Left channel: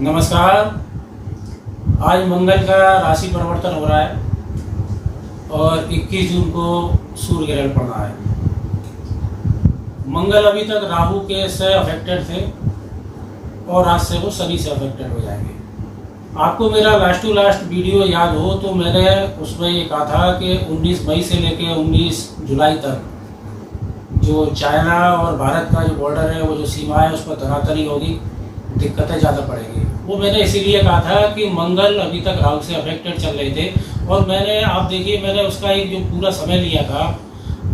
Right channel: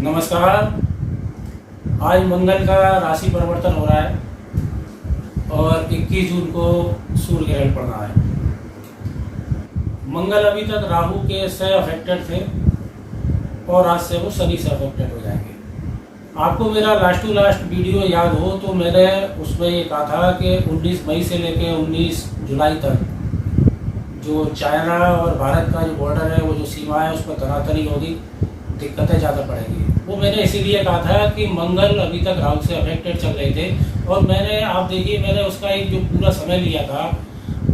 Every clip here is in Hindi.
नमस्कार। आज मंगल का राशि परिवर्तन हो रहा है और 21 जून को सूर्य ग्रहण पड़ना है। मंगल अभी तक राहु के से अफेक्टेड थे और आज से वो शनि से अफेक्टेड हो जाएंगे। आपको मेरा लास्ट टू लास्ट वीडियो याद हो तो मैंने उसमें ये कहा था कि 19 मई से लेकर 19 जुलाई तक जो चाइना और भारत का जो बॉर्डर है, वो जो सीमा है, उस पर तनातनी होगी, दिक्कतें ज़्यादा पड़ेगी। वो मैंने इसीलिए कहा था कि मंगल अभी तक राहु से अफेक्टेड चल रहे थे और आप देखिए मैंने उसका एक जो पूरा समय लिया था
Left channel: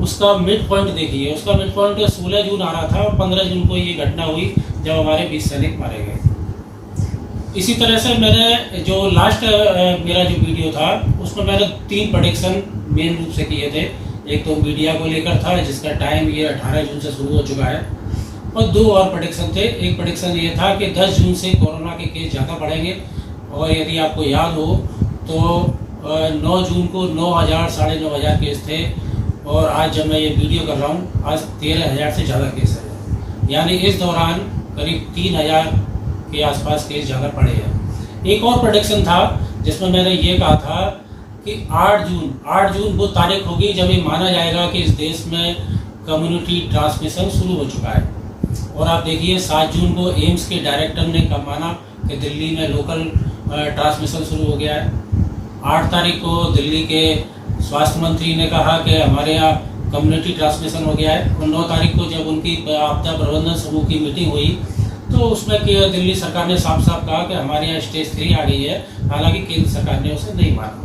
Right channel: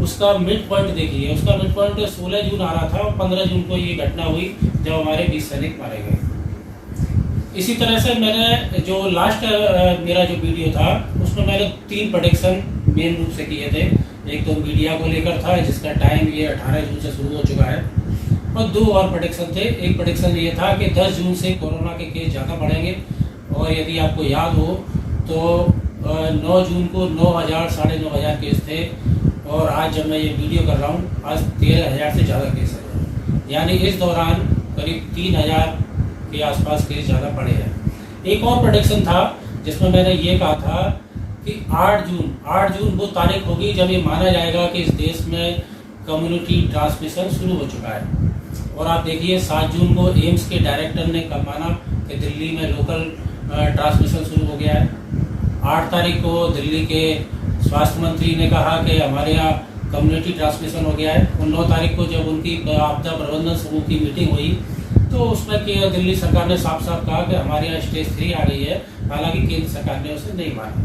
उसका मिड पॉइंट देखिए। उसका मिड पॉइंट 16 जून आ रहा था और 15 जून को ये घटना हुई जब हमारे 20 सैनिक मारे गए। इसी तरह से मैंने जो लास्ट मेरा जो वीडियो था उसमें मैंने 3 प्रेडिक्शन मेन रूप से किए थे। एक तो मीडिया को लेकर था जिसका टाइम ये 18 जून से शुरू हो चुका है, और 2 और प्रेडिक्शन थे। एक प्रेडिक्शन ये था कि 10 जून से कोरोना के केस ज़्यादा बढ़ेंगे, और यदि आपको याद हो तो 9 जून को 9,000 साढ़े 9,000 केस थे, और आज जब मैं ये वीडियो कर रहा हूँ आज 13,000 से ज़्यादा केस है। यानी इस दौरान करीब 3,000 के आसपास केस ज़्यादा बढ़े हैं। एक और प्रेडिक्शन था जिसमें मैंने ये कहा था कि 8 जून वो तारीख होगी जब ये माना जाएगा कि इस देश में कम्युनिटी ट्रांसमिशन शुरू हो चुका है। और आप देखिए 7 जून को एम्स के डायरेक्टर ने कब माना कि दिल्ली में लोकल ट्रांसमिशन शुरू हो गया है। 8 तारीख को दिल्ली के स्वास्थ्य मंत्री ने कहा कि हमारे यहाँ कम्युनिटी ट्रांसमिशन हो गया है। और 9 तारीख को जब उनकी आपदा प्रबंधन समूह की मीटिंग हुई तो उसमें दिल्ली सरकार ने साफ साफ कहा कि हमारे यहाँ स्टेज 3 आ गई है। हालांकि केंद्र सरकार ने उसे नहीं माना।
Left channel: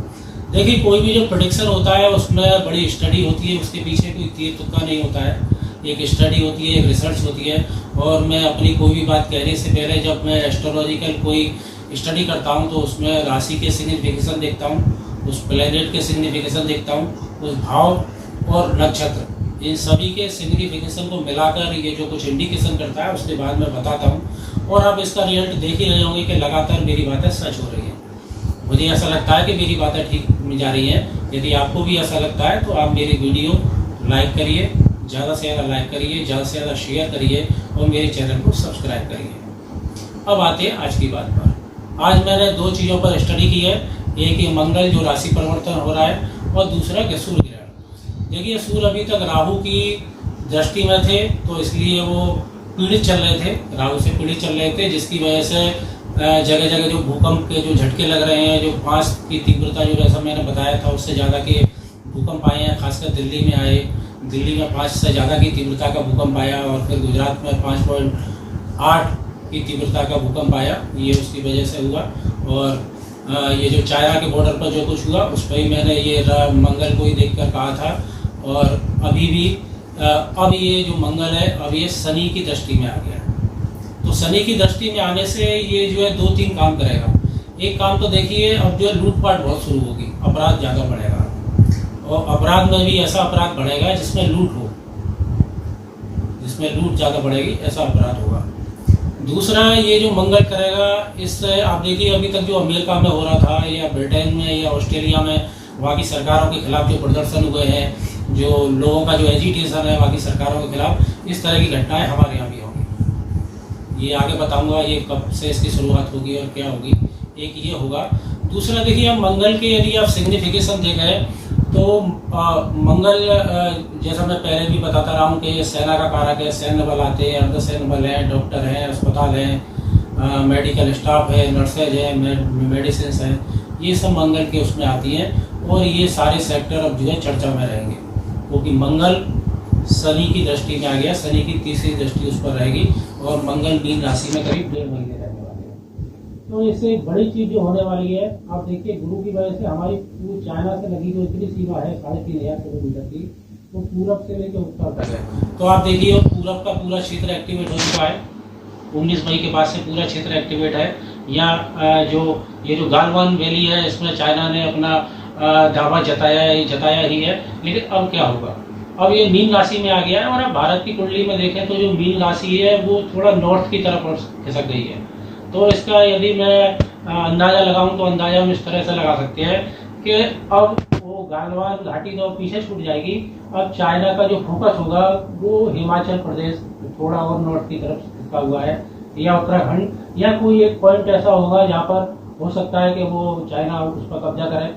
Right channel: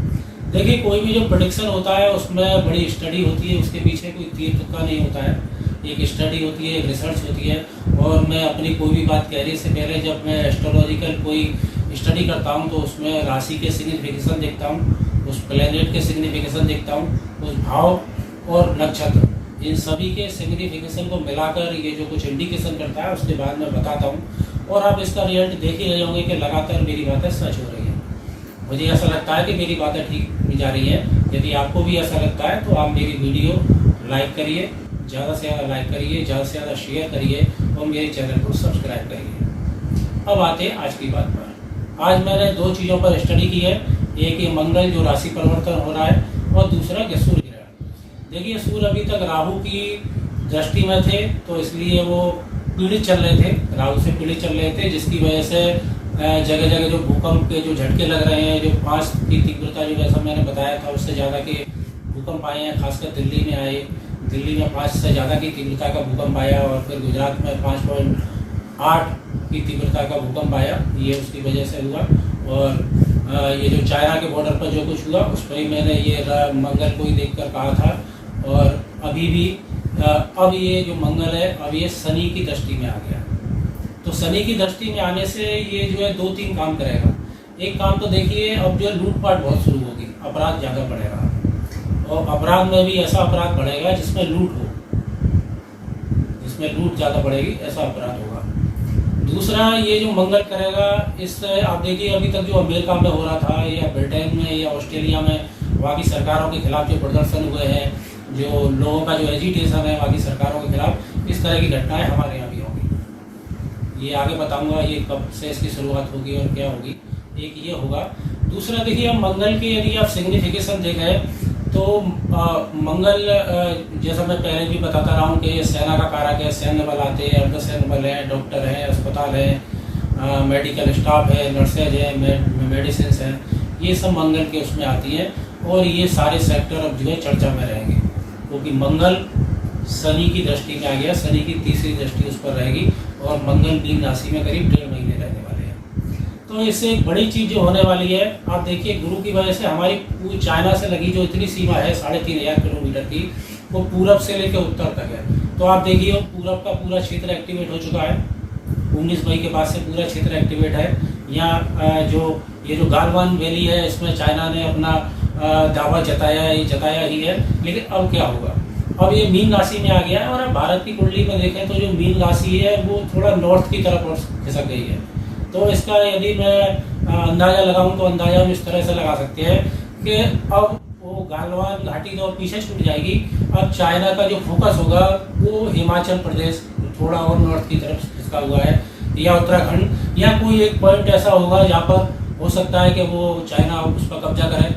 देखिए कोई भी जो प्रेडिक्शन होता है उसमें बड़ी स्टडी होती है, उसके पीछे कोई तीर तुक्का नहीं होता है। एक स्टडी होती है, एक रिसर्च होती है। और मैं अपनी कोई भी बात कहने से पहले जब मैं एस्ट्रोलॉजिकल कोई स्टडी करता हूं तो उसमें राशि के सिग्निफिकेशन देखता हूं, उस प्लैनेट के सिग्निफिकेशन देखता हूं, उस भाव और नक्षत्र, इन सभी के सिग्निफिकेशन को मिलाकर ये जो कुछ इंडिकेशन करता है उसके बाद मैं बताता हूँ। और आप इसका रिजल्ट देख ही रहे होंगे कि लगातार मेरी बातें सच हो रही हैं। मुझे ऐसा लगता है कि मेरी बातें ठीक जा रही हैं। यदि आपको भी ऐसा लगता है तो आप मेरी वीडियो लाइक करिए, ज़्यादा से ज़्यादा लाइक करिए, ज़्यादा से ज़्यादा शेयर करिए और मेरे चैनल को सब्सक्राइब करिए। अब आते हैं आज की बात पर। आज मैंने 2 चीज़ों पर स्टडी की है। एक ये मंगल जो राशि परिवर्तन हो रहा है, और दूसरा कि सूर्य ग्रहण। देखिए सूर्य अभी तक राहु की दृष्टि में थे तो इसलिए वो पीड़ित चल रहे थे, राहु से पीड़ित चल रहे थे, जिसकी वजह से जगह जगह जो भूकंप के जो झटके लग रहे हैं, जो 5 की तीव्रता जो जैसा मैंने बताया था उससे ज़्यादा के भूकंप आए हैं। खासकर दिल्ली में आए, दिल्ली में 5 से ज़्यादा की तीव्रता का भूकंप आया, और फिर गुजरात में 5.8 की तीव्रता का भूकंप आया। ये उसकी वजह से हुआ। और ये जो चाइना के बॉर्डर पर जो कुछ हुआ उस पर ही मैंने ये मंगल को ही देख कर कहा था। और अभी भी अब ये जो मंगल है अब ये शनि की दृष्टि में आ गया। तो शनि की दृष्टि में आने से ये जो है 2-3 काम करेगा। एक काम तो देखिए अब जो है लूटपाट बहुत शुरू होगी, अपराध ज़्यादा बढ़ेगा, और अपराध में भी ऐसा अपराध बढ़ेगा जिसमें लूट हो, जिसमें लूट ज़्यादा बढ़ेगी, ऐसा अपराध होगा। दूसरा ये जो मंगल करेगा इससे आप देखिए अभी तक जो अमेरिका में हो रहा था या ब्रिटेन में या ऑस्ट्रेलिया में वहाँ की सरकारों के खिलाफ जो प्रदर्शन हुए हैं, जो लोगों का जो एजिटेशन है वहाँ की सरकारों के खिलाफ, इस तरह की घटनाएं हमारे यहाँ भी होंगी। ये आगे बताऊंगा ये कब से इसकी शुरुआत होगी और क्या होगी। एक ये होगा। दूसरा देखिए अब मंगल के यदि आप सिग्निफिकेशन देखें तो मंगल जैसा मैं पहले भी बताता रहा हूँ कि सेना का कारक है। सैन्य बल आते हैं, अर्धसैन्य बल हैं, डॉक्टर हैं, अस्पताल हैं, मेडिकल स्टाफ है, नर्सेज हैं, मेडिसिन हैं, ये सब मंगल के उसमें आती हैं। और ये सारे सेक्टर अब जो है चर्चा में रहेंगे क्योंकि मंगल शनि की दृष्टि में आ गया। शनि की तीसरी दृष्टि उस पर रहेगी और मंगल मीन राशि में करीब 1.5 महीने रहने वाले हैं। तो इससे एक बड़ी चीज़ जो होने वाली है, आप देखिए गुरु की वजह से हमारी पूरी चाइना से लगी जो इतनी सीमा है 3,500 किलोमीटर की, वो पूरब से लेकर उत्तर तक है। तो आप देखिए पूरब का पूरा क्षेत्र एक्टिवेट हो चुका है। 19 मई के बाद से पूरा क्षेत्र एक्टिवेट है। यहाँ ये जो गालवान वैली है इसमें चाइना ने अपना दावा जताया ही है। लेकिन अब क्या होगा, अब ये मीन राशि में आ गया है। और अब भारत की कुंडली में देखें तो जो मीन राशि है वो थोड़ा नॉर्थ की तरफ खिसक गई है। तो इसका यदि मैं अंदाज़ा लगाऊं तो अंदाज़ा हम इस तरह से लगा सकते हैं कि अब वो गालवान घाटी तो पीछे छूट जाएगी। अब चाइना का जो फोकस होगा वो हिमाचल प्रदेश थोड़ा और नॉर्थ की तरफ खिसका हुआ है। या उत्तराखंड या कोई एक पॉइंट ऐसा होगा जहाँ पर हो सकता है कि वो चाइना उस पर कब्जा करे,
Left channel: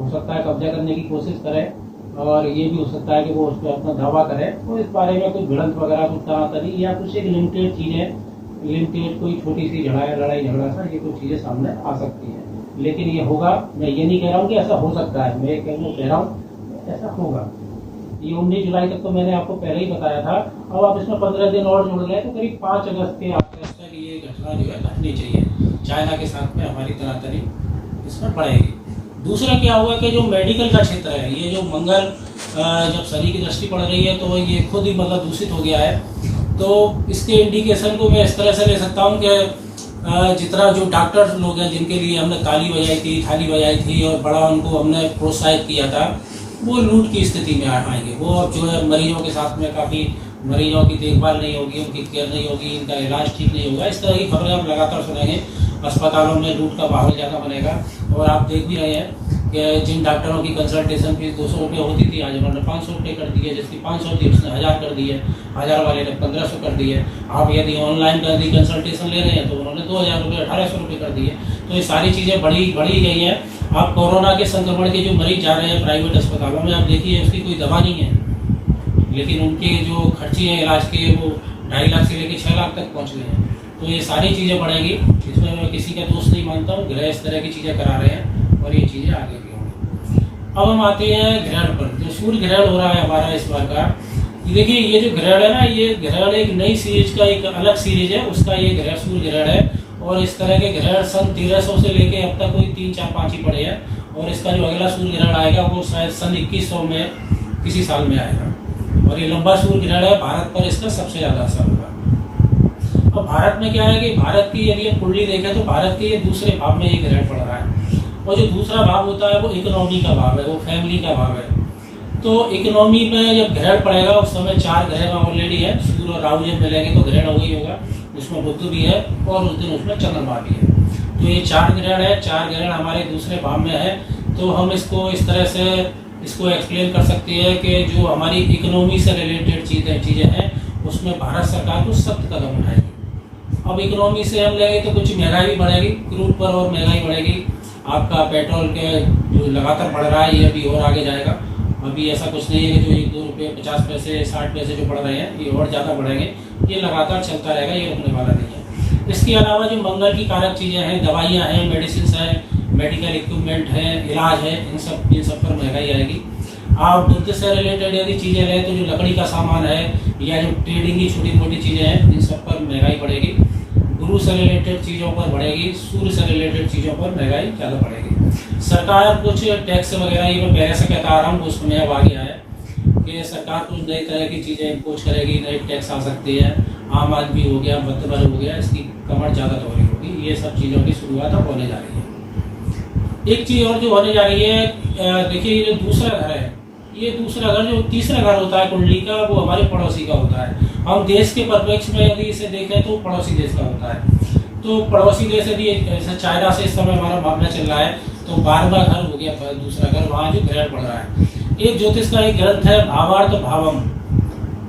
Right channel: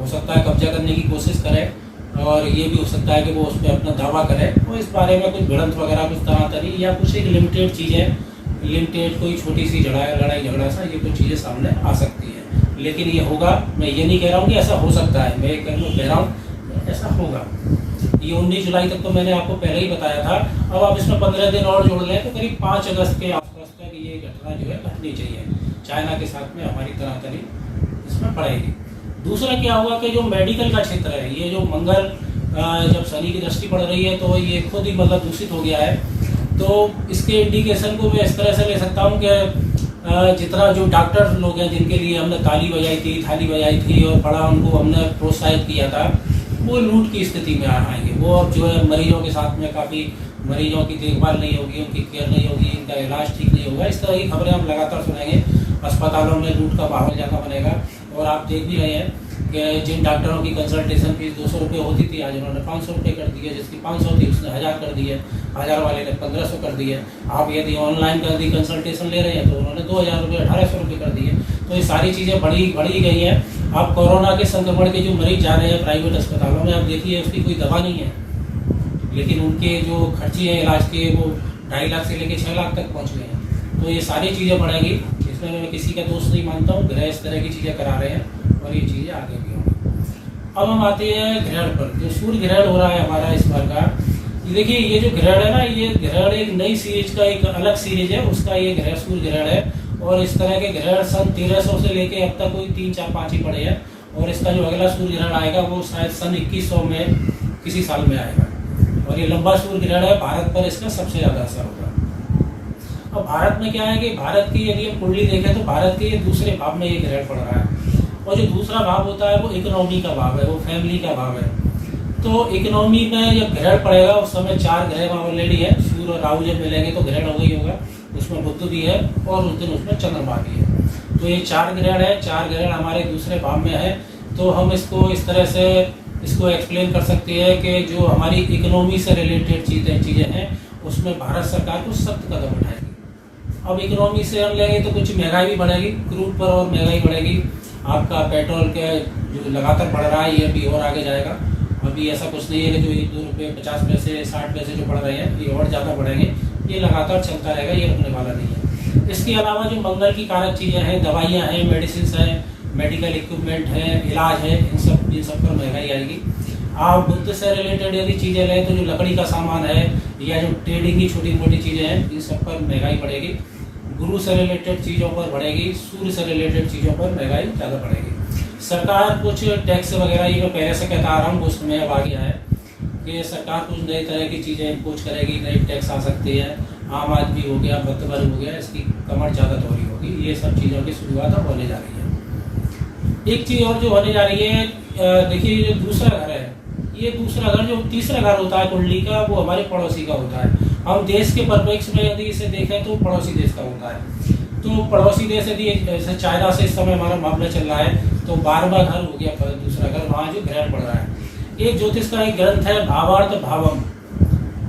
हो सकता है कब्जा करने की कोशिश करे, और ये भी हो सकता है कि वो उस पर अपना दावा करे। तो इस बारे में कुछ भिड़ंत वगैरह कुछ तनातनी या कुछ एक लिमिटेड चीज़ें, लिमिटेड कोई छोटी सी लड़ाई झगड़ा सा, ये कुछ चीज़ें सामने आ सकती हैं। लेकिन ये होगा, मैं ये नहीं कह रहा हूँ कि ऐसा हो सकता है, मैं कह रहा हूँ ऐसा होगा। ये 19 जुलाई तक तो मैंने आपको पहले ही बताया था। अब आप इसमें 15 दिन और जोड़ लें तो करीब 5 अगस्त के आसपास तक ये घटना जो है घटनी चाहिए। चाइना के साथ में हमारी तनातनी इसमें पड़ेगी। दूसरा क्या हुआ कि जो मेडिकल का क्षेत्र है, ये जो मंगल जब शनि की दृष्टि पड़ रही है तो ये खुद ही मतलब दूषित हो गया है। तो इसके इंडिकेशन को मैं इस तरह से ले सकता हूँ कि जितना जो डॉक्टर्स लोग हैं जिनके लिए हमने ताली बजाई थी, थाली बजाई थी और बड़ा उनको हमने प्रोत्साहित किया था, वो लूट की स्थिति में आएंगे। वो अब जो है मरीजों के साथ में काफ़ी मरीजों की देखभाल नहीं होगी, उनकी केयर नहीं होगी, इनका इलाज ठीक नहीं होगा। इस तरह की खबरें हम लगातार सुनेंगे। अस्पतालों में लूट का माहौल ज़्यादा बनेगा। और आप देख भी रहे हैं कि जिन डॉक्टरों की कंसल्टेशन फीस 200 रुपये होती थी, आज उन्होंने 500 रुपये कर दी है। जिसकी 500 थी उसने 1000 कर दी है, 1000 वाले ने 1500 कर दी है। आप यदि ऑनलाइन कंसल्टेशन ले रहे हैं तो उन्होंने 2000 रुपये 1800 रुपये कर दिए। तो ये सारी चीज़ें बढ़ी गई हैं। आप कोरोना के संक्रमण के जो मरीज जा रहे हैं प्राइवेट अस्पतालों में, आप देखिए उसकी कोई दवा नहीं है, लेकिन उनके जो खर्चे हैं इलाज के वो 2.5 लाख से लेकर 6 लाख तक पहुँच गए हैं। तो ये सारी चीज़ें बढ़ेंगी। इसमें मैं किसी का दोष नहीं मानता हूँ। ग्रह इस तरह की चीज़ें करा रहे हैं और ये चीज़ें आगे भी होंगी। अब हम आते हैं ग्रहण पर। जो सूर्य ग्रहण हो रहा है हमारा इस बार का, ये देखिए, ये जो ग्रहण है ना, ये ग्रहण एक नई सीरीज का एक अलग सीरीज है, उसका ये ग्रहण सूर्य ग्रहण है। और इस तरह के ग्रहण सन 1300 से लेके अब तक कोई 3, 4, 5 ही पड़े हैं। और इसका जो अगला सूर्य ग्रहण आएगा वो शायद सन 2100 में किसी साल में आएगा। और ये लंबा सूर्य ग्रहण है। भारत पर इसका सबसे ज़्यादा असर होगा। अब भारत में क्या है कि भारत की यदि हम कुंडली देखें तो भारत के दूसरे भाव में ये ग्रहण पड़ रहा है। और जो दूसरा भाव होता है वो इकोनॉमी का भाव है, वो फैमिली का भाव है। तो इकोनॉमी में जब ग्रहण पड़ेगा उस समय 4 ग्रह ऑलरेडी है। सूर्य और राहु जब मिलेंगे तो ग्रहण हो ही होगा। उसमें बुध भी है और उस दिन उसमें चंद्रमा भी है। तो ये 4 ग्रहण है। 4 ग्रहण हमारे दूसरे भाव में है। तो हम इसको इस तरह से इसको एक्सप्लेन कर सकते हैं कि जो हमारी इकोनॉमी से रिलेटेड चीज़ें हैं उसमें भारत सरकार को सख्त कदम उठाएगी। अब इकोनॉमी से हम लेंगे तो कुछ महंगाई भी बढ़ेगी, क्रूड पर और महंगाई बढ़ेगी। आपका पेट्रोल के जो लगातार बढ़ रहा है ये भी और आगे जाएगा। अभी ऐसा कुछ नहीं है कि जो 1-2 रुपये 50 पैसे 60 पैसे जो बढ़ रहे हैं ये और ज़्यादा बढ़ेंगे। ये लगातार चलता रहेगा, ये रुकने वाला नहीं है। इसके अलावा जो मंगल की कारक चीज़ें हैं, दवाइयाँ हैं, मेडिसिन हैं, मेडिकल इक्विपमेंट है, इलाज है, इन सब पर महंगाई आएगी। आप बुद्ध से रिलेटेड यदि चीज़ें लें तो जो लकड़ी का सामान है या जो ट्रेडिंग की छोटी मोटी चीज़ें हैं इन सब पर महंगाई बढ़ेगी। गुरु से रिलेटेड चीज़ों पर बढ़ेगी। सूर्य से रिलेटेड चीज़ों पर महंगाई ज़्यादा बढ़ेगी। सरकार कुछ टैक्स वगैरह, ये मैं पहले से कहता आ रहा हूँ, वो समय अब आ गया है कि सरकार कुछ नई तरह की चीज़ें इम्पोज करेगी, नई टैक्स आ सकती है। आम आदमी हो गया, मतबर हो गया, इसकी कमर ज़्यादा दोहरी होगी। ये सब चीज़ों की शुरुआत अब होने जा रही है। एक चीज़ और जो होने जा रही है, देखिए ये जो दूसरा घर है, ये दूसरा घर जो तीसरा घर होता है कुंडली का, वो हमारे पड़ोसी का होता है। हम देश के परिप्रेक्ष्य में यदि इसे देखें तो पड़ोसी देश का होता है। तो पड़ोसी देश यदि जैसे चाइना से इस समय हमारा मामला चल रहा है तो 12वां घर हो गया दूसरा घर, वहाँ जो ग्रहण पड़ रहा है। एक ज्योतिष का एक ग्रंथ है भावार्थ भावम,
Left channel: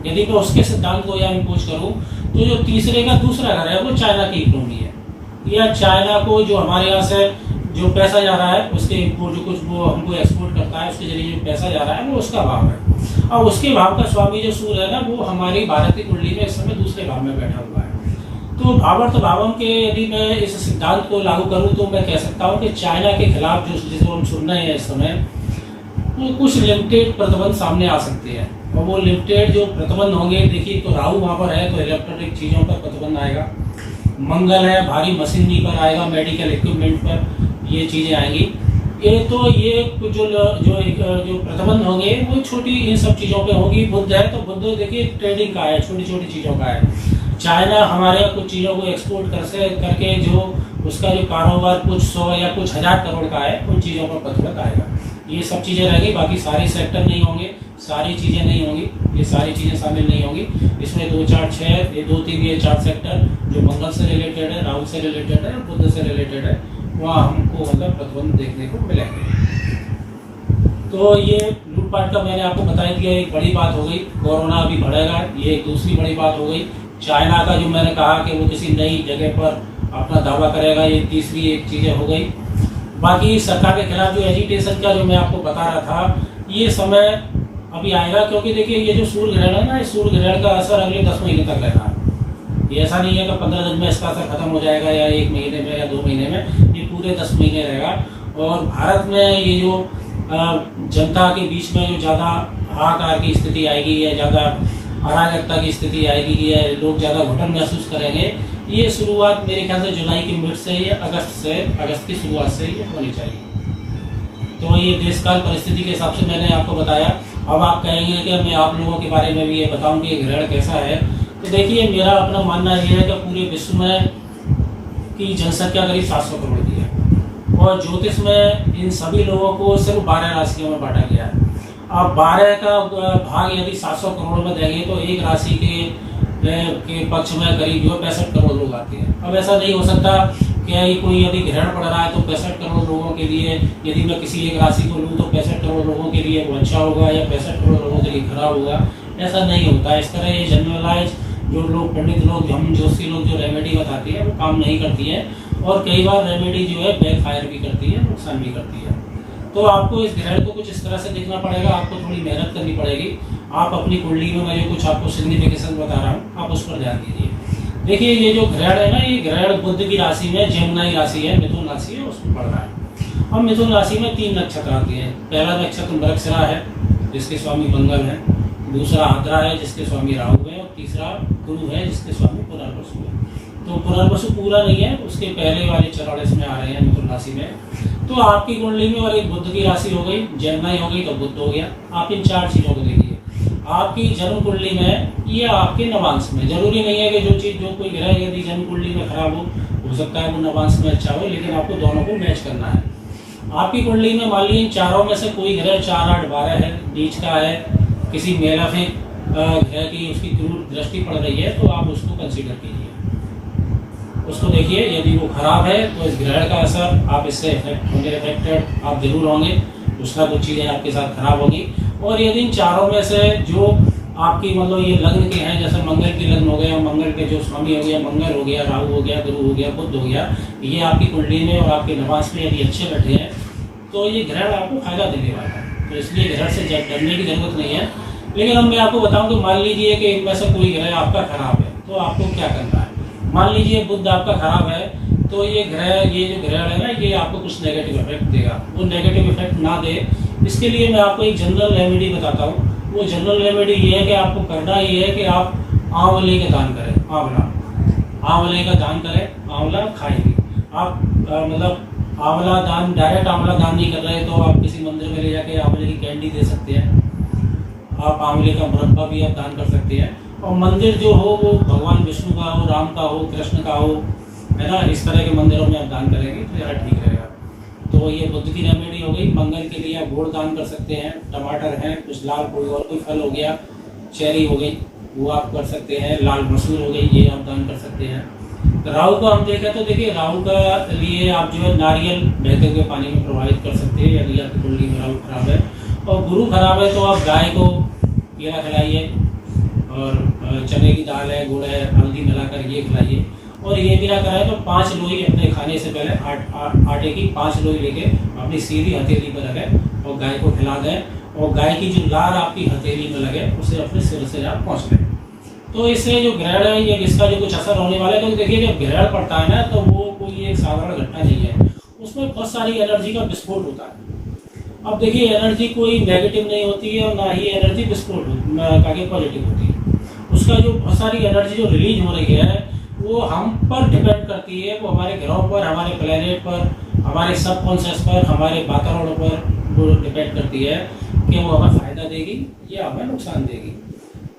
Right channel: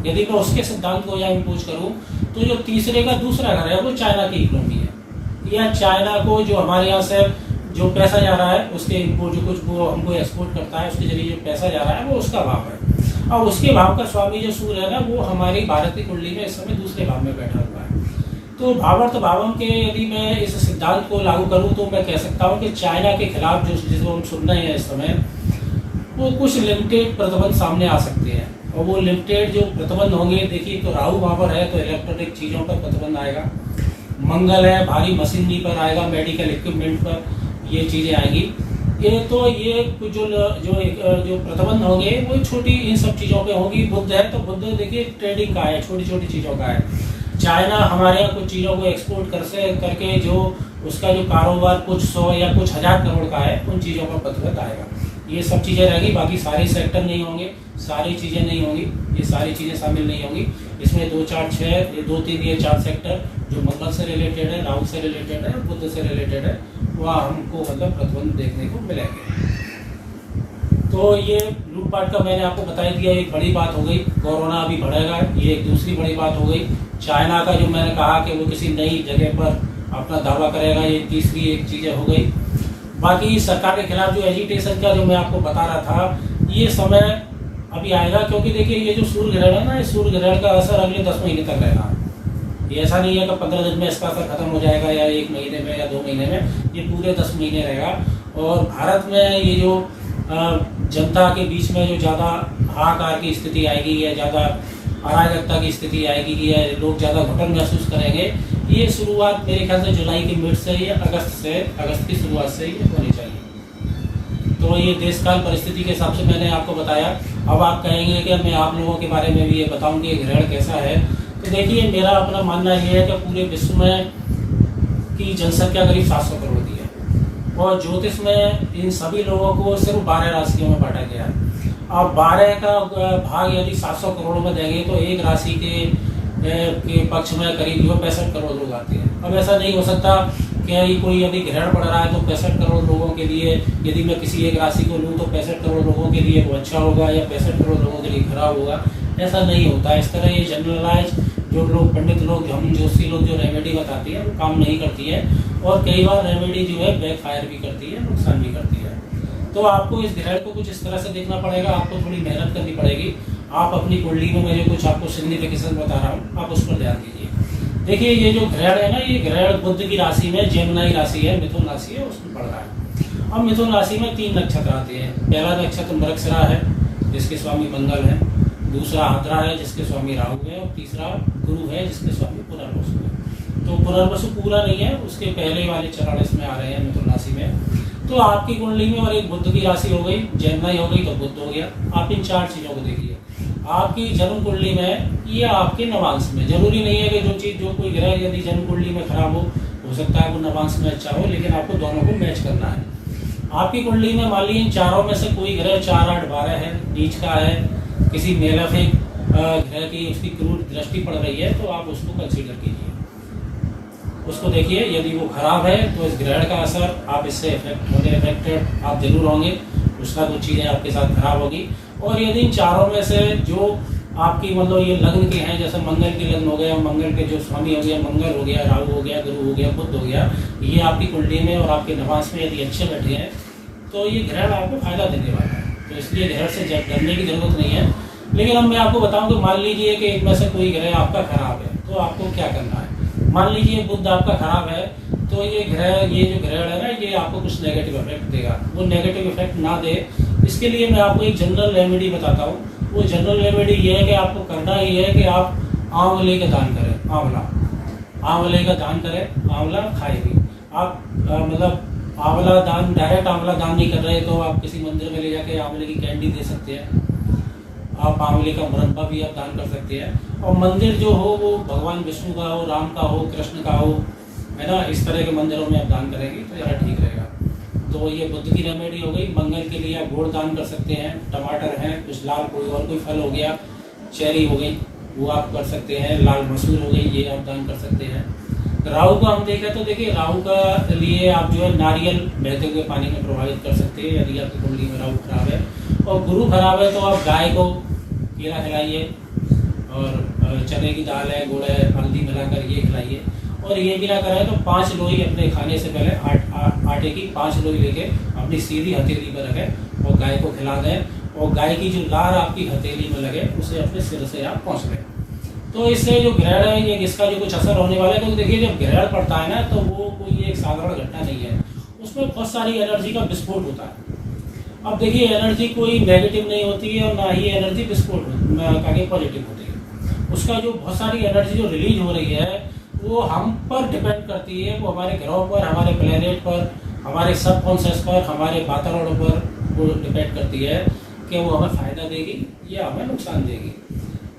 यदि मैं उसके सिद्धांत को यहाँ इम्पोज करूँ तो जो तीसरे का दूसरा घर है वो चाइना की इकोनॉमी है। या चाइना को जो हमारे यहाँ से जो पैसा जा रहा है उसके इम्पोर्ट जो कुछ वो हमको एक्सपोर्ट करता है उसके जरिए जो पैसा जा रहा है वो उसका भाव है। और उसके भाव का स्वामी जो सूर्य है ना, वो हमारी भारत की कुंडली में इस समय दूसरे भाव में बैठा हुआ है। तो भावार्थ भावम के यदि मैं इस सिद्धांत को लागू करूँ तो मैं कह सकता हूँ कि चाइना के खिलाफ जो जिसको हम सुन रहे हैं इस समय, वो कुछ लिमिटेड प्रतिबंध सामने आ सकते हैं। और वो लिमिटेड जो प्रतिबंध होंगे, देखिए तो राहु वहाँ पर है तो इलेक्ट्रॉनिक चीज़ों पर प्रतिबंध आएगा। मंगल है, भारी मशीनरी पर आएगा, मेडिकल इक्विपमेंट पर ये चीज़ें आएंगी। ये तो ये जो प्रतिबंध होंगे वो छोटी इन सब चीज़ों पे होंगी। बुद्ध है तो बुद्ध देखिए ट्रेडिंग का है, छोटी छोटी चीज़ों का है। चाइना हमारे यहाँ कुछ चीज़ों को एक्सपोर्ट करके जो उसका जो कारोबार कुछ 100 या कुछ 1000 करोड़ का है, उन चीज़ों पर प्रतिबंध आएगा। ये सब चीज़ें रहेंगी, बाकी सारी सेक्टर नहीं होंगे, सारी चीज़ें नहीं होंगी, ये सारी चीज़ें शामिल नहीं होंगी। इसमें 2, 4, 6 ये 2, 3 ये 4 सेक्टर जो मंगल से रिलेटेड है, राहु से रिलेटेड है, बुध से रिलेटेड है, वहाँ हमको मतलब प्रतिबंध देखने को मिलेंगे। तो ये लूटपाट का मैंने आपको बता दिया, एक बड़ी बात हो गई। कोरोना अभी बढ़ेगा, ये एक दूसरी बड़ी बात हो गई। चाइना का जो मैंने कहा कि वो किसी नई जगह पर अपना दावा करेगा, ये तीसरी एक चीज़ें हो गई। बाकी सरकार के खिलाफ जो एजिटेशन का जो मैं आपको बता रहा था, ये समय अभी आएगा, क्योंकि देखिए ये जो सूर्य ग्रहण है ना, ये सूर्य ग्रहण का असर अगले 10 महीने तक रहेगा। ये ऐसा नहीं है कि 15 दिन में इसका असर खत्म हो जाएगा या 1 महीने में या 2 महीने में, ये पूरे 10 महीने रहेगा। और भारत में ये जो जनता के बीच में जो ज़्यादा हाहाकार की स्थिति आएगी या ज़्यादा अराजकता की स्थिति आएगी या लोग ज़्यादा घुटन महसूस करेंगे, ये शुरुआत मेरे ख्याल से जुलाई के मिड से या अगस्त की शुरुआत से ये होनी चाहिए। तो ये देशकाल परिस्थिति के हिसाब से मैंने आपको बताया। अब आप कहेंगे कि मैं आप लोगों के बारे में भी ये बताऊं कि ग्रहण कैसा है। तो देखिए, मेरा अपना मानना ये है कि पूरे विश्व में की जनसंख्या करीब 700 करोड़ की है और ज्योतिष में इन सभी लोगों को सिर्फ 12 राशियों में बांटा गया है। अब 12 का भाग यदि 700 करोड़ में देंगे तो एक राशि के पक्ष में करीब 65 करोड़ लोग आते हैं। अब ऐसा नहीं हो सकता कि कोई यदि ग्रहण पड़ रहा है तो 65 करोड़ लोगों के लिए, यदि मैं किसी एक राशि को लूँ तो 65 करोड़ लोगों के लिए वो अच्छा होगा या 65 करोड़ लोगों के लिए खराब होगा। ऐसा नहीं होता। इस तरह ये जनरलाइज जो लोग पंडित लोग, हम ज्योतिषी लोग जो रेमेडी बताती है वो काम नहीं करती है और कई बार रेमेडी जो है बैकफायर भी करती है, नुकसान भी करती है। तो आपको इस ग्रहण को कुछ इस तरह से देखना पड़ेगा, आपको थोड़ी मेहनत करनी पड़ेगी। आप अपनी कुंडली में मैं जो कुछ आपको सिग्निफिकेशन बता रहा हूँ आप उस पर ध्यान दीजिए। देखिए, ये जो ग्रहण है ना, ये ग्रहण बुध की राशि में, जेमिनी राशि है, मिथुन राशि है, उसमें पड़ रहा है। अब मिथुन राशि में 3 नक्षत्र आते हैं। पहला नक्षत्र मृगशिरा है जिसके स्वामी मंगल है, दूसरा आद्रा है जिसके स्वामी राहु है और तीसरा गुरु है जिसके स्वामी पुनर्वसु है। तो पुनर्वसु पूरा नहीं है, उसके पहले वाले चरण इसमें आ रहे हैं मिथुन राशि में। तो आपकी कुंडली में और एक बुध की राशि हो गई, जेमिनी हो गई तो बुध हो गया। आप इन 4 चीज़ों को देखिए। आपकी जन्म कुंडली में ये आपके नवांश में, जरूरी नहीं है कि जो कोई ग्रह यदि जन्म कुंडली में खराब हो सकता है वो नवांश में अच्छा हो, लेकिन आपको दोनों को मैच करना है। आपकी कुंडली में मान लीजिए इन चारों में से कोई ग्रह 4, 8, 12 है, नीच का है, किसी मेलाफिक ग्रह की उसकी क्रूर दृष्टि पड़ रही है, तो आप उसको कंसीडर कीजिए, उसको देखिए। यदि वो खराब है तो इस ग्रहण का असर आप इससे अफेक्टेड आप जरूर होंगे, कुछ ना कुछ चीज़ें आपके साथ खराब होगी। और यदि इन चारों में से जो आपकी मतलब ये लग्न के हैं, जैसे मंगल के लग्न हो गया, मंगल के जो स्वामी हो गया, मंगल हो गया, राहु हो गया, गुरु हो गया, बुध हो गया, ये आपकी कुंडली में और आपके नवांश में यदि अच्छे बैठे हैं तो ये ग्रहण आपको फायदा देने वाला है। तो इसलिए ग्रहण से डरने की जरूरत नहीं है। लेकिन अब मैं आपको बताऊं कि मान लीजिए कि एक में से कोई ग्रह आपका खराब है, तो आपको क्या करना है। मान लीजिए बुध आपका खराब है, तो ये जो ग्रहण है ना, ये आपको कुछ नेगेटिव इफेक्ट देगा। वो नेगेटिव इफेक्ट ना दे, इसके लिए मैं आपको एक जनरल रेमेडी बताता हूँ। वो जनरल रेमेडी ये है कि आपको करना ये है कि आप आंवले का दान करें। आंवले का दान करें, आंवला खाए भी आप मतलब आंवला दान, डायरेक्ट आंवला दान नहीं कर रहे तो आप किसी मंदिर में ले जाके आंवले की कैंडी दे सकते हैं। आप आंवले का मुरब्बा भी आप दान कर सकते हैं। और मंदिर जो हो वो भगवान विष्णु का हो, राम का हो, कृष्ण का हो, है ना, इस तरह के मंदिरों में आप दान करेंगे तो ज़्यादा ठीक रहेगा। तो ये बुध की रेमेडी हो गई। मंगल के लिए आप गुड़ दान कर सकते हैं, टमाटर हैं, कुछ लाल कोई फल हो गया, चेरी हो गई, वो आप कर सकते हैं, लाल मसूर हो गई, ये आप दान कर सकते हैं। राहु को हम देखें तो देखिए, राहु का लिए आप जो है नारियल बहते हुए पानी में प्रभावित कर सकते हैं यदि आपकी कुंडली में राहु खराब है। और गुरु खराब है तो आप गाय को केला खिलाइए और चने की दाल है, गुड़ है, हल्दी मिलाकर ये खिलाइए। और ये भी ना कराए तो 5 लोई अपने खाने से पहले आटे की 5 लोई लेके अपनी सीधी हथेली पर रखें और गाय को खिला दें। और गाय की जो लार आपकी हथेली में लगे उसे अपने सिर से आप पहुँच लें। तो इससे जो ग्रहण है ये इसका जो कुछ असर होने वाला है, तो देखिए जब ग्रहण पड़ता है ना तो वो कोई एक साधारण घटना नहीं है, उसमें बहुत सारी एनर्जी का विस्फोट होता है। अब देखिए, एनर्जी कोई नेगेटिव नहीं होती है और ना ही एनर्जी विस्फोट आगे पॉजिटिव होती है। उसका जो बहुत सारी एनर्जी जो रिलीज हो रही है वो हम पर डिपेंड करती है, वो हमारे ग्रहों पर, हमारे प्लेनेट पर, हमारे सबकॉन्शियस पर, हमारे वातावरण पर वो डिपेंड करती है कि वो हमें फायदा देगी या हमें नुकसान देगी।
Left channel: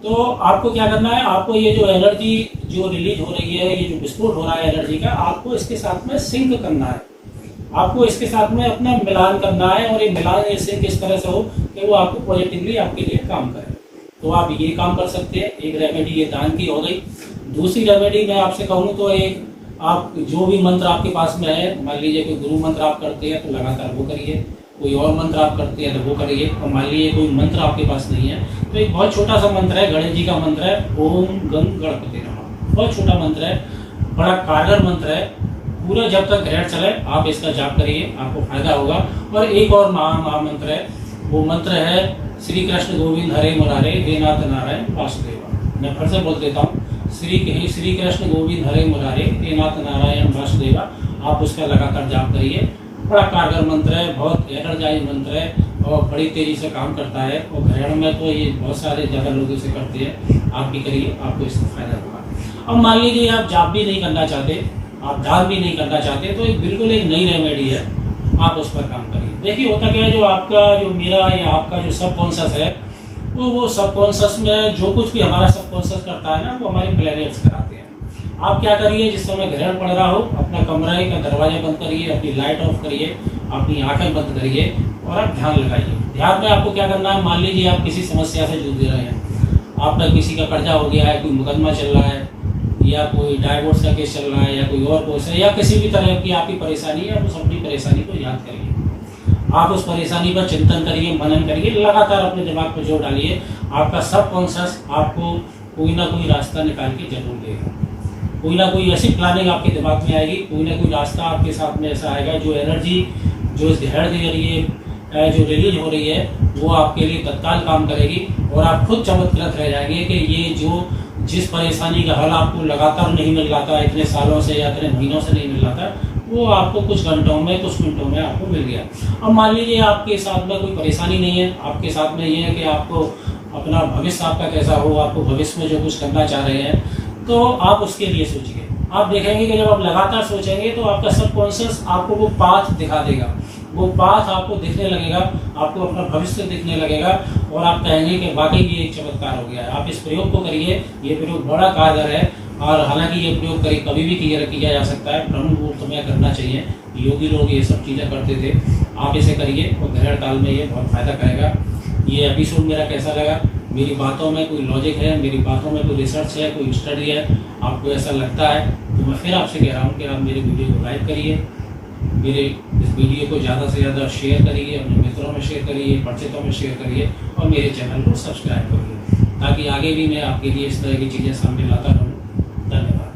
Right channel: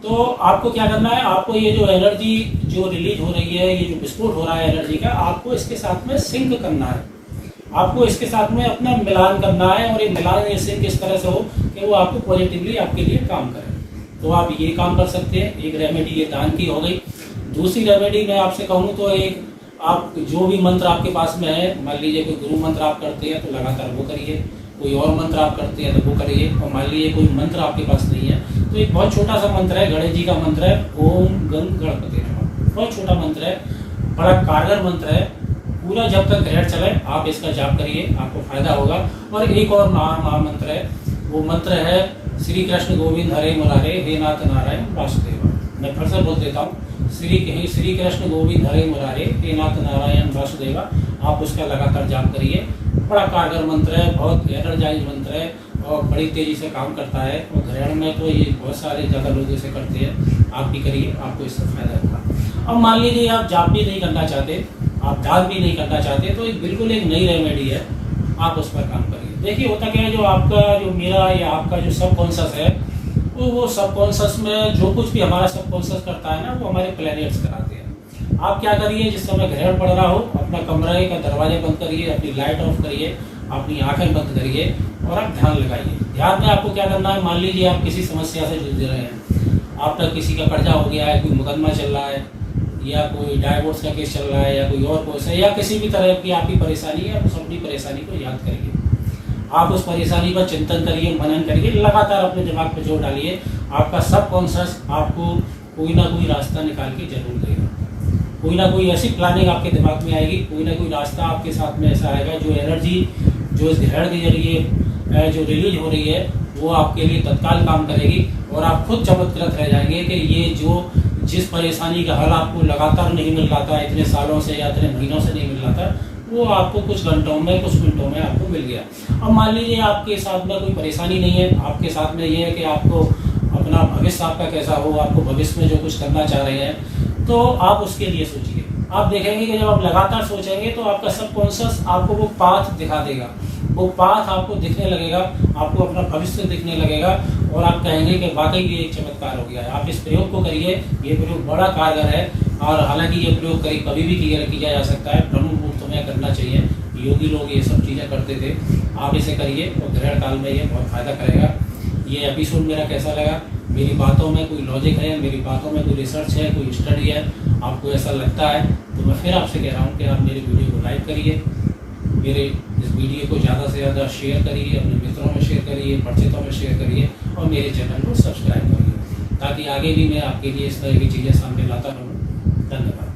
तो आपको क्या करना है, आपको ये जो एनर्जी जो रिलीज हो रही है, ये जो विस्फोट हो रहा है एनर्जी का, आपको इसके साथ में सिंक करना है, आपको इसके साथ में अपना मिलान करना है। और ये मिलान ये सिंक इस तरह से हो कि वो आपको पॉजिटिवली आपके लिए काम करे। तो आप ये काम कर सकते हैं। एक रेमेडी ये दान की हो गई। दूसरी रेमेडी मैं आपसे कहूँ तो एक, आप जो भी मंत्र आपके पास में है, मान लीजिए कोई गुरु मंत्र आप करते हैं तो लगातार वो करिए, कोई और मंत्र आप करते हैं तो वो करिए। और मान लीजिए कोई मंत्र आपके पास नहीं है तो एक बहुत छोटा सा मंत्र है, गणेश जी का मंत्र है, ओम गंग गणपति नमः। बहुत छोटा मंत्र है, बड़ा कारगर मंत्र है। पूरा जब तक ग्रहण चले आप इसका जाप करिए, आपको फायदा होगा। और एक और महामंत्र है, वो मंत्र है श्री कृष्ण गोविंद हरे मुरारे हे नाथ नारायण वासुदेवा। मैं फिर से बोल देता हूँ, श्री कृष्ण गोविंद हरे मुरारे हे नाथ नारायण वासुदेवा। आप उसका लगातार जाप करिए। बड़ा कारगर मंत्र है, बहुत एनर्जाइज मंत्र है और बड़ी तेजी से काम करता है। और ग्रहण में तो ये बहुत सारे ज़्यादा लोग इसे करते हैं, आप भी करिए, आपको इससे फायदा होगा। अब मान लीजिए आप जाप भी नहीं करना चाहते, आप दान भी नहीं करना चाहते, तो बिल्कुल एक नई रेमेडी है, आप उस पर काम करिए। देखिए होता क्या है, जो मेरा या आपका जो सबकॉन्शियस है, वो सबकॉन्शियस में जो कुछ भी हमारा सबकॉन्शियस करता है ना, वो हमारे प्लैनेट्स कराते हैं। आप क्या करिए, जिस समय ग्रहण पड़ रहा हो अपना कमरे का दरवाजा बंद करिए, अपनी लाइट ऑफ करिए, अपनी आंखें बंद करिए और आप ध्यान लगाइए। ध्यान में आपको क्या करना है, मान लीजिए आप किसी समस्या से जूझ रहे हैं, आपका किसी का कर्जा हो गया है, कोई मुकदमा चल रहा है, या कोई डाइवोर्स का केस चल रहा है, या कोई और केस है, या किसी भी तरह की आपकी परेशानी है, आप उस अपनी परेशानी को याद करिए। आप उस परेशानी पर चिंतन करिए, मनन करिए, लगातार अपने दिमाग पर जोर डालिए। आपका सबकॉन्शियस आपको कोई ना कोई रास्ता निकाल के जरूर देगा। कोई ना कोई ऐसी प्लानिंग आपके दिमाग में आएगी, कोई ना कोई रास्ता आपके साथ में ऐसा आएगा, जो एनर्जी जो इस ग्रहण के जरिए जो रिलीज हो रही है, वो आपके लिए तत्काल काम करेगी। और आप खुद चमत्कृत रह जाएंगे कि ये जिस परेशानी का हल आपको लगातार नहीं मिल रहा था, इतने सालों से या इतने महीनों से नहीं मिल रहा था, वो आपको कुछ घंटों में, कुछ मिनटों में आपको मिल गया। अब मान लीजिए आपके साथ में कोई परेशानी नहीं है, आपके साथ में ये है कि आपको अपना भविष्य आपका कैसा हो, आपको भविष्य में जो कुछ करना चाह रहे हैं, तो आप उसके लिए सोचिए। आप देखेंगे कि जब आप लगातार सोचेंगे तो आपका सबकॉन्शियस आपको वो पाथ दिखा देगा, वो पाथ आपको दिखने लगेगा, आपको अपना भविष्य दिखने लगेगा और आप कहेंगे कि वाकई ये एक चमत्कार हो गया है। आप इस प्रयोग को करिए, ये प्रयोग बड़ा कारगर है। और हालांकि ये प्रयोग कभी भी किया जा सकता है, ब्रह्म मुहूर्त में करना चाहिए। योगी लोग ये सब चीज़ें करते थे, आप इसे करिए और ग्रहण काल में ये बहुत फायदा करेगा। ये एपिसोड मेरा कैसा लगा, मेरी बातों में कोई लॉजिक है, मेरी बातों में कोई रिसर्च है, कोई स्टडी है, आपको ऐसा लगता है तो मैं फिर आपसे कह रहा हूँ कि आप मेरे वीडियो को लाइक करिए, मेरे इस वीडियो को ज़्यादा से ज़्यादा शेयर करिए, अपने मित्रों में शेयर करिए, परिचितों में शेयर करिए और मेरे चैनल को सब्सक्राइब करिए, ताकि आगे भी मैं आपके लिए इस तरह की चीज़ें सामने लाता रहूँ। धन्यवाद।